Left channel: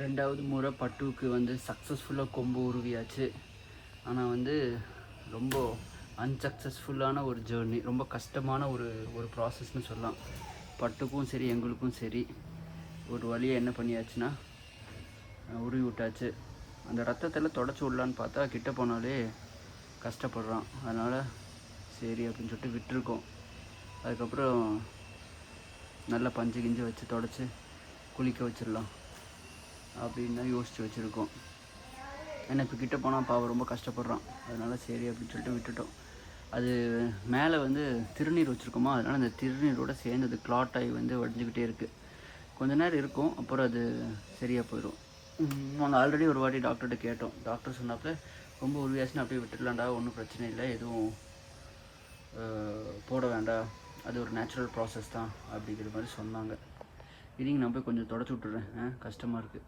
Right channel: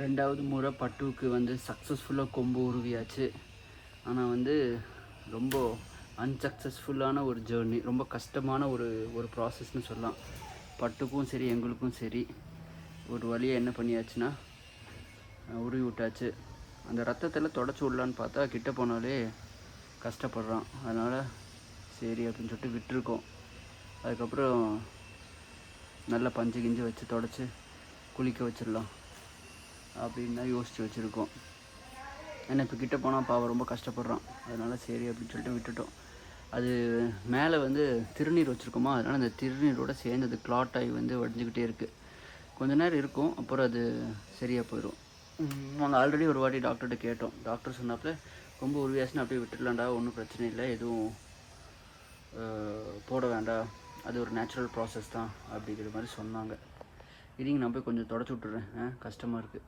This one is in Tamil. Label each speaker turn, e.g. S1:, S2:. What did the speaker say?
S1: ரெண்டாவது முறை பட்டுவுக்கு வந்து சக்ஸஸ்ஃபுல்லாக கொம்பு உருவியாச்சு. ஆனால் வந்து ரொம்ப அன்சக்ஸஸ்ஃபுல்லான ஒரு ஜேர்னி ரொம்ப கஷ்டமான ஒரு ஒரு ப்ராசஸ்னு சொல்லலாம். பட்டுக்கும் சரி எங்களுக்கும் சரி ஒரு வழியை என்ன பண்ணியாச்சுன்னா உருவி விட்டாச்சு. அந்த ரத்தத்தில் தொடச்சி விடலான்னு பார்த்தா கிட்ட போனாலே கஷ்டப்படுறோம். அதனால் சரி அப்படின்னு சொல்லிட்டு விட்டுருக்கோம். அதுக்கப்புறம் நல்ல பஞ்சு கிஞ்சு வச்சு தொடச்சி குளிக்க வச்சிடலாம். அப்படின்னு தான் யோசித்து வச்சுருக்கோம். ஏன்னா இப்போ கிட்ட போனால் பாவம் ரொம்ப கஷ்டப்படுறான். அதனால் சரி அப்படின்னு சொல்லிட்டு விட்டுட்டோம். அது மேலே வந்து திருநீர் வச்சுருக்கோமா? அதனால் அந்த திருநீரோட சேர்ந்து அது clot ஆகி வந்து வடிஞ்சுக்கிட்டே இருக்குது கொஞ்ச நேரம் இருக்கும் அப்புறம் அது சரியாக போயிடும் நாங்கள் ஆல்ரெடி ஒரு வாட்டி டாக்டர்கிட்ட கேட்டோம். டாக்டர் சொன்னாப்ப ரொம்ப உருவியாச்சுன்னு அப்படியே விட்டுடலாம்டா ஒன்றும் பிரச்சனை இல்லை எதுவும் போட வேண்டாம். அது ஒரு நேச்சுரல் ப்ராசஸ் தான் அப்படிங்கிற மாதிரி சொன்னாங்க. இருங்க நான் போய் கொஞ்சம் தொடச்சி விட்டுறேன் கஷ்டமாக இருக்குது